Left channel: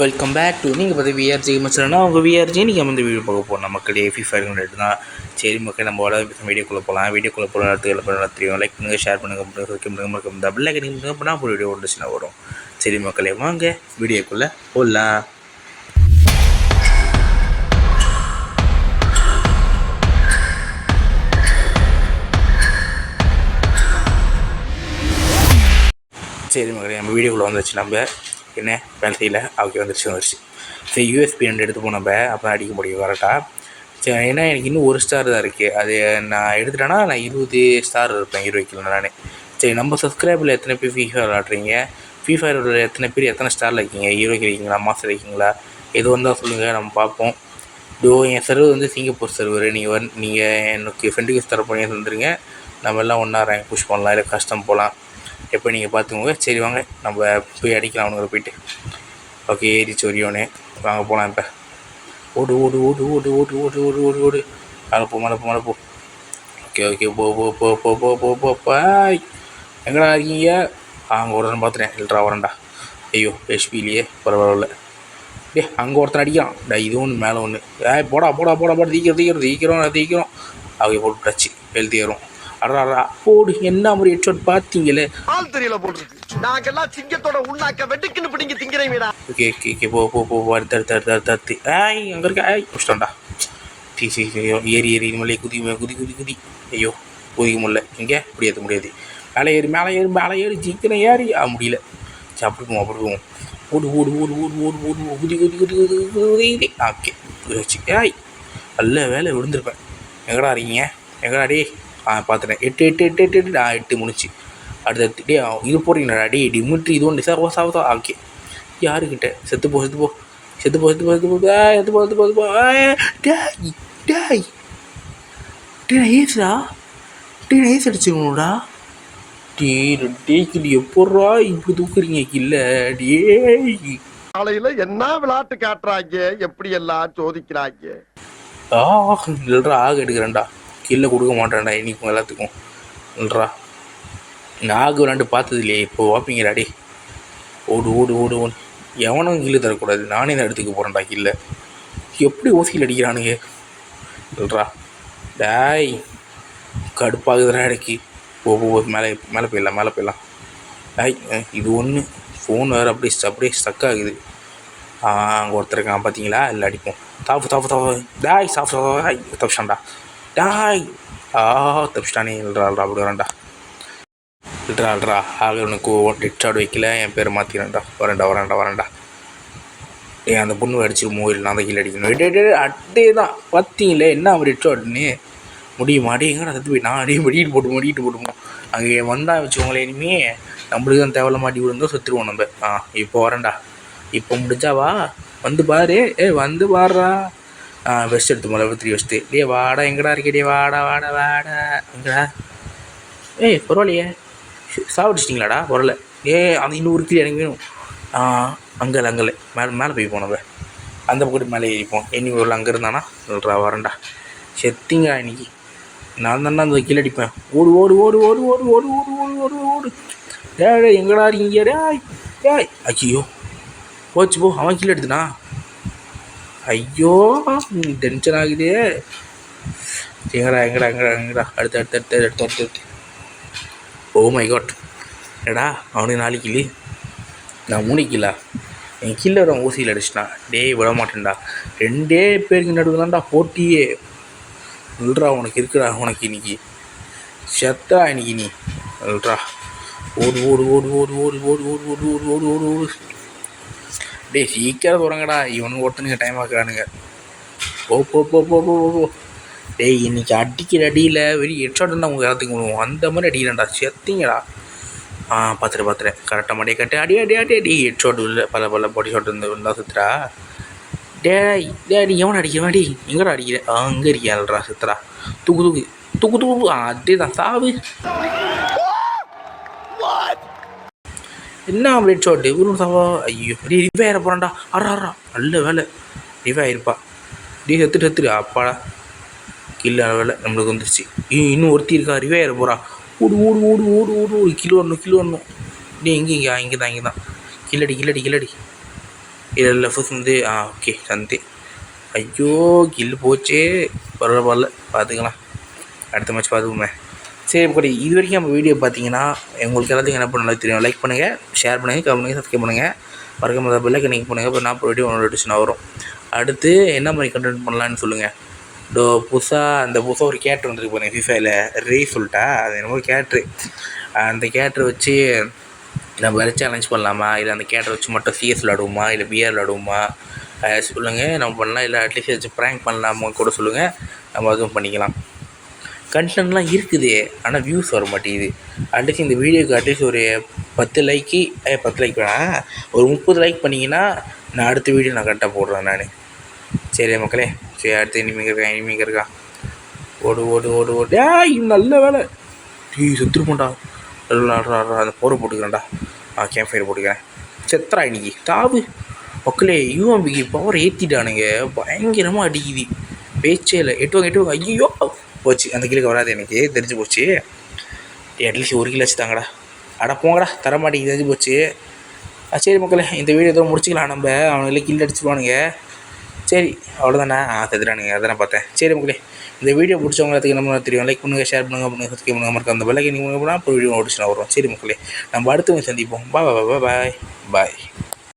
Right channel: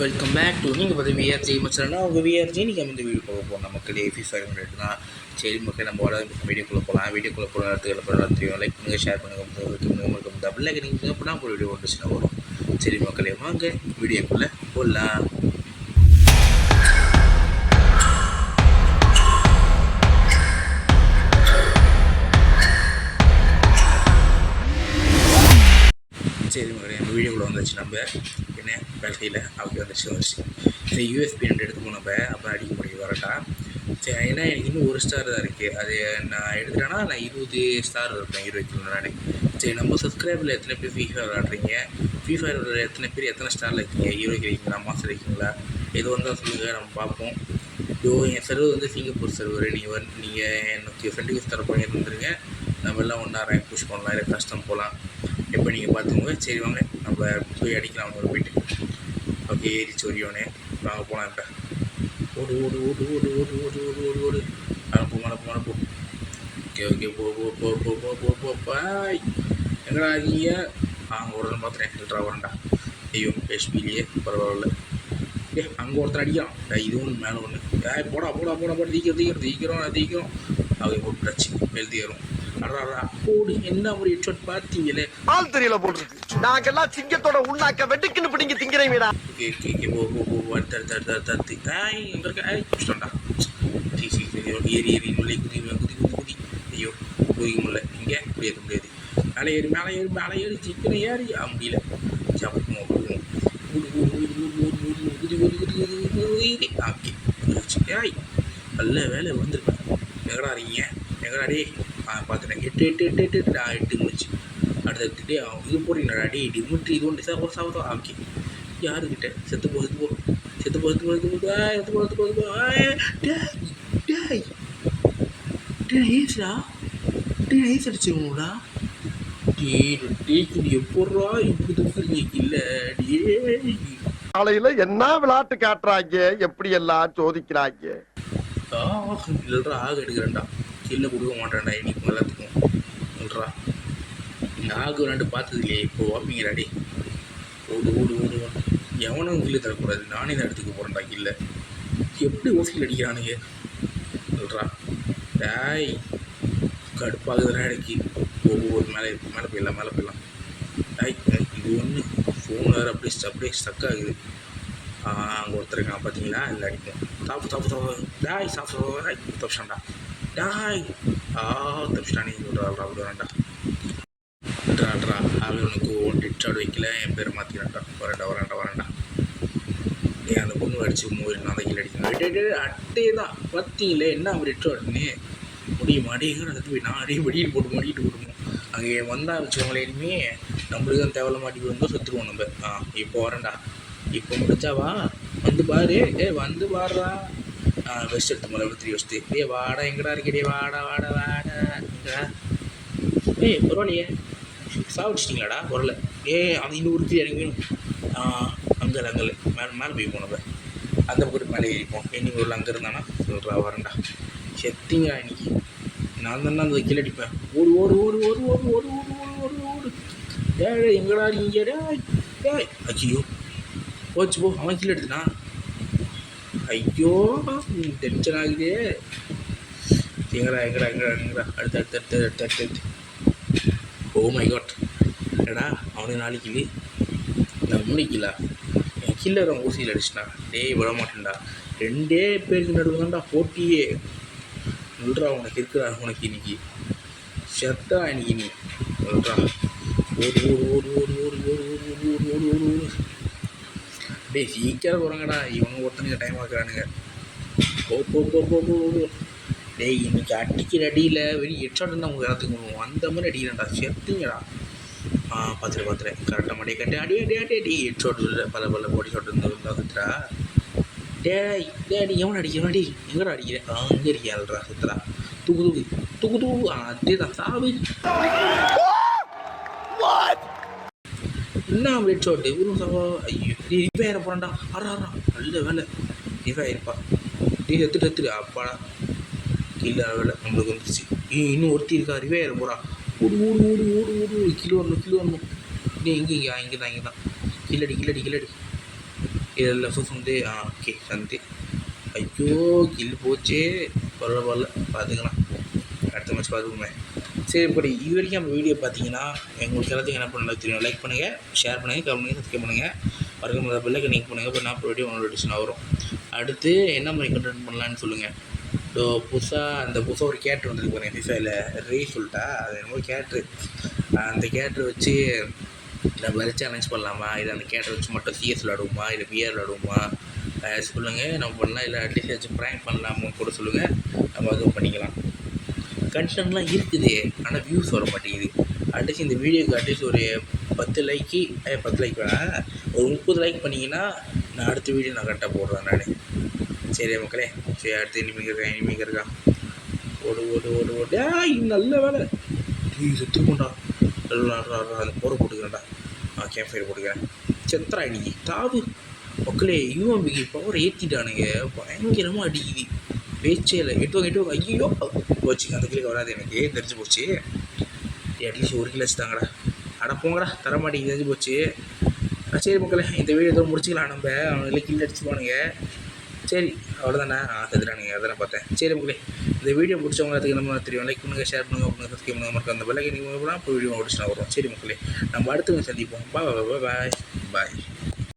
Welcome back to நீங்கள் பார்த்து விஆர்ஜி மச்சனா உங்கள் விஆர்ஜி நீங்கள் வந்து வீடியோ பார்க்க போகிறோம் மக்களே FIFA தான். சரி மக்கள் நம்ம வீடியோக்குள்ளே போகலாம். வீடியோக்குள்ளே போகிற இடத்துக்கு தெரியும். லைக் பண்ணுங்கள், ஷேர் பண்ணுங்கள், வைக்க பண்ணுங்கள், டபுள் லைக் பண்ணிங்கன்னா ஒரு வீடியோ வந்துச்சுன்னா வரும். சரி மக்களே வாங்க வீடியோக்குள்ளே போடலாம். சரி மக்களே நம்ம வீடியோக்குள்ளே வந்துச்சு. நம்ம என்ன வேலை செய்யலை அவருக்கு வந்துருச்சு. சரி யூஎஸ்பி 2 எடுத்து போனோம். நம்ம அப்போ அடிக்க முடியும் கரெக்டாக. சரி ஏன்னா எனக்கு இன்னும் 1 ஸ்டார் தான் இருக்குது. அது நான் எடுத்துட்டேன்னா நான் 20 ஸ்டார் இருப்பேன் 20 கிலோ நான். சரி நம்ம சப்ஸ்கிரைபில் எத்தனை பேர் FIFA விளாட்றீங்க, FIFA எத்தனை பேர் எத்தனை ஸ்டாரில் இருக்கீங்க, ஹீரோக்கு இருக்கீங்களா, மாஸ்டர் இருக்கீங்களா, எது வந்தால் சொல்லுங்கள் நம்ம பார்ப்போம். என் சர்வர் வந்து சிங்கப்பூர் சர்வர். நீங்கள் எனக்கு ஃப்ரெண்டுக்கு தர போனீங்க தந்துடுங்க. நம்ம எல்லாம் ஒன்றா ரேங்க் புஷ் பண்ணலாம், இல்லை கஷ்டம் போகலாம். எப்போ நீங்கள் பார்த்துக்கோங்க. சரி வாங்க நம்ம போய் அடிக்கலாம் அவனுங்களை போய்ட்டு. ஓகே ஏறிச்சு ஒரியோனே, வாங்க போகலாம். இப்போ ஓடு ஓடு ஓடு ஓடு ஓடு ஓடு ஓடு ஓடு ஓடு மழை போ. ஓகே ஓகே போ போ போ போ போ போ போ பாய். எங்கடா இருக்கீங்க? அங்கே ஒருத்தன் பார்த்துட்டேன். இல்லைடா வரேன்டா. ஐயோ ஹெச்பிலேயே பரவாயில்ல. அங்கே ஒருத்தன் அடிக்கிறான். இது ஒன்று மேலே ஒன்று. போடா போடா போடா போட தீக்கிறோம். அவங்க போட்டுச்சு எழுதி வரும். அடா போடு என்ன ஒரு ஹெட்ஷாட் பார்த்தீங்களே. ஆள் தெரியல போட்டுருக்கு. நாங்கெல்லாம் சிங்கத்தோட உண்ணாக்க வெட்டுக்குன்னு பிடிங்க திங்கிறீங்கடா. ஓகே ஓகே ஓகே போ போ போ தடுத்து அங்கே இருக்க பிடிச்சிட்டோம்டா. ஏறி இனிமேலே குதி. ஐயோ குதிக்க முடியல. இங்கே இப்படி ஏற்ற முடியாது. மேலே ஏறி சீக்கிரம் ஏறி முடியல. சரி அப்படி போவோம். ஓடு குதி. ஓகே குதிச்சு. நல்ல வேலை விழுந்திருப்பேன். எங்கடா இருக்கீங்க? எங்கடா டே? பார்த்துட்டேன். 8 முடிச்சு. அடுத்து டே இது போடுறீங்களாடா டே டிமிட்ரி இது ஒன்று சாவதா. ஓகே யாருக்கிட்ட செத்து போ ஏசுடா. ஏசு அடிச்சுக்கணும்டா. டேக்கு எப்பட்றா இப்படி தூக்குறீங்க இல்லை டே. காலையில என்ன விளையாட்டு காட்டுறாங்க, எப்படி எல்லாம் சோதிக்கிறாங்க. இல்லைடா ஆக எடுக்கிறேன்டா. கீழே கொடுக்க மாட்டேன்டா இன்னைக்கு எல்லாத்துக்கும். இல்லைடா நாகு விளாண்டு பார்த்தது இல்லையே, இப்போ வாப்பீங்கடா டே. ஓடு எவனும் கீழே தரக்கூடாது. நானே தான் எடுத்துக்க போகிறேன்டா கீழே. எப்படி ஓசியில் அடிக்கிறானுங்க. இல்லைடா டாய் கடுப்பாகுதுடா இடைக்கு. போகும்போது மேலே போயிடலாம். இது ஒன்று ஃபோன் வேறு அப்படியே ஸ்டக் ஆகுது. அங்கே ஒருத்தருக்கான் பார்த்தீங்களா? இல்லை அடிப்போம். தாப்பு டாய் தப்பிச்சான்டா. டாய் தப்பிச்சிட்டானே. இல்லைடா அப்படி வரேன்டா. ஆக உனக்கு ஹெட்ஷாட் வைக்கல, என் பேரை மாற்றிக்கிறேன்டா. வரேன்டா. அந்த பொண்ணு அடிச்சிருமோ இல்லை நான் தான் கீழே அடிக்கணும். அட்டே தான் பார்த்தீங்களே என்ன அவர் ஹெட்ஷாட்னு. முடியுமா அடே? எங்கடா சத்து போய் நான் அடியே மடிட்டு போட்டுமோ. அங்கே வந்தால் வச்சுக்கோங்களேன். இனிமே நம்மளுக்கு தான் தேவையில்ல மாட்டி விழுந்தோம் செத்துருவோம் நம்ம. இப்போ வரேன்டா. இப்போ முடிச்சாவா வந்து பாரு. வந்து பாடுறா. வெஸ்ட் எடுத்து முதல்ல 3 வெஸ்ட்டு. வாடா எங்கடா இருக்கே? வாடா எங்கடா? பரவாயில்லையே சாவடிச்சிட்டிங்களாடா? வரல. அந்த இன்னொரு 3 எனக்கு வேணும். அங்கே மேலே போய் போனவ அந்த பக்கத்து மேலே ஏறிப்போம். என்னி ஒரு அங்கே இருந்தானா சொல்கிறா. வரேன்டா. செத்திங்க இன்னைக்கு. நான் தானே அந்த கீழே அடிப்பேன். ஓடு. டே எங்கடா இருக்கீங்க? டேய் ஐயோ போச்சு போ. அவன் கீழே எடுத்துனா. ஐயோ டென்ஷன் ஆகுதே. எங்கடா அடுத்து. Oh my God. ஏடா அவனுக்கு 4 கிலோ, நான் 3 கிலோ. என் கீழே வர ஊசியில் அடிச்சிட்டான். விட மாட்டேன்டா. 2 பேருக்கு நடுவில் தான்டா போட்டியே. சொல்கிறா உனக்கு இருக்குடா. உனக்கு இன்னைக்கு செத்தா இன்னைக்கு நீ. சொல்கிறா ஓடு. சீக்கிரம் போகிறாங்கடா. இவனுக்கு ஒருத்தனுங்க டைம் ஆக்குறானுங்க. போ. இன்னைக்கு அடிக்கிற அடியில் வெறும் ஹெட்ஷாட் இருந்தால் அவங்க எல்லாத்துக்கு விடுவோம். அந்த மாதிரி அடிக்கிறேன்டா. செத்திங்கடா. பார்த்துட்டேன் கரெக்டாக மாட்டே கட்டு. அடி ஹெட்ஷாட் இல்லை பல பாடி ஷாட் இருந்தால் சுத்துறா. டேடி எவனை அடிக்கிறேன்? எங்கடா அடிக்கிறேன்? அங்கே இருக்கியாள்ரா சுத்துறா. தூக்கு. அதே தான் சாவு. என்ன ஹெட்ஷாட்டு ஒரு சாவா. ஐயோ ரிவே ஆகிற போகிறான்டா. அறா நல்ல வேலை ரிவே ஆகிருப்பா. செத்துட்டு அப்பாடா கில்லு வேலை நம்மளுக்கு வந்துருச்சு. இன்னும் ஒருத்தி இருக்கா. ரிவே ஆகிற போகிறா. ஓடு. கிலோ வரணும். இங்கே தான். கில்லடி. இல்லை ஃபர்ஸ்ட் வந்து ஓகே சந்தி. ஐயோ கில்லு போச்சே. பரவாயில்ல பார்த்துக்கலாம், அடுத்த மேட்ச் பார்த்துக்குமே. சரி மக்களே, இது வரைக்கும் நம்ம வீடியோ பார்த்தீங்கன்னா உங்களுக்கு எல்லாத்துக்கும் என்ன பண்ண தெரியும். லைக் பண்ணுங்கள், ஷேர் பண்ணுங்கள், கமெண்ட் பண்ணுங்கள், சப்ஸ்கிரைப் பண்ணுங்கள். மறக்காம பெல் ஐக்கன் கிளிக் பண்ணுங்கள். அப்புறம் நான் வீடியோ நோட்டிஃபிகேஷன் வரும். அடுத்து என்ன மாதிரி கண்டென்ட் பண்ணலான்னு சொல்லுங்கள். புதுசாக ஒரு கேரக்டர் வந்துருக்கு பாருங்கள் ஃபிஃபாவில், ரே சொல்லிட்டா. அது என்னமோ கேரக்ட்ரு, அந்த கேரக்டரை வச்சு நம்ம வேறு சேலஞ்ச் பண்ணலாமா, இல்லை அந்த கேரக்டரை வச்சு மட்டும் சிஎஸ் விளாடுவோமா, இல்லை பிஆர் விளாடுவோமா சொல்லுங்கள். நம்ம பண்ணலாம், இல்லை அட்லீஸ்ட் வச்சு ப்ராங்க் பண்ணலாமா கூட சொல்லுங்கள். நம்ம அதுவும் பண்ணிக்கலாம். கண்டென்ட்லாம் இருக்குது, ஆனால் வியூஸ் வர மாட்டேங்குது. அட்லீஸ்ட் இந்த வீடியோக்கு அட்லீஸ்ட் ஒரு 10 லைக் வேணாம், ஒரு 30 லைக் பண்ணிங்கன்னா நான் அடுத்த வீடியோ நான் கரெக்டாக போடுறேன் நான். சரி மக்களே, சரி அடுத்து இனிமேங்க இருக்கான். ஓடு ஓடு ஓடு ஓடு. நல்ல வேலை. செத்துருப்போண்டா. அந்த போரை போட்டுக்கிறேன்டா. கேம்ப் ஃபயர் போட்டுக்கிறேன். செத்துறா இன்னைக்கு தாவு. மக்களே, யூஎம்பிக்கு பவர் ஏற்றிட்டானுங்க, பயங்கரமாக அடிக்குது, பேச்சே இல்லை. எட்டுவாங்க. ஐயோ போச்சு, அந்த கிலுக்கு வராது, எனக்கு தெரிஞ்சு போச்சு. அட்லீஸ்ட் 1 கிலோ வச்சு தாங்கடா. அட போங்கடா, தரமாட்டேங்குது, தெரிஞ்சு போச்சு. சரி மக்களே, இந்த வீடியோ எதுவும் முடிச்சிக்கலாம். நம்ம அவனுங்களே கில் அடிச்சுடுவானுங்க. சரி அவ்வளோதானே. செத்துறானுங்க, அதான் பார்த்தேன். சரி மக்களே, இந்த வீடியோ பிடிச்சவங்களுக்கு என்ன தெரியும். லைக் பண்ணுங்கள், ஷேர் பண்ணுங்கள், சப்ஸ்கிரைப் பண்ணுங்கள், மறக்காம அந்த பெல் ஐக்கன் நீங்கள் போனால் இப்போ வீடியோ நோட்டிஃபிகேஷன் வரும். சரி மக்களே, நம்ம அடுத்து சந்திப்போம். பாய்.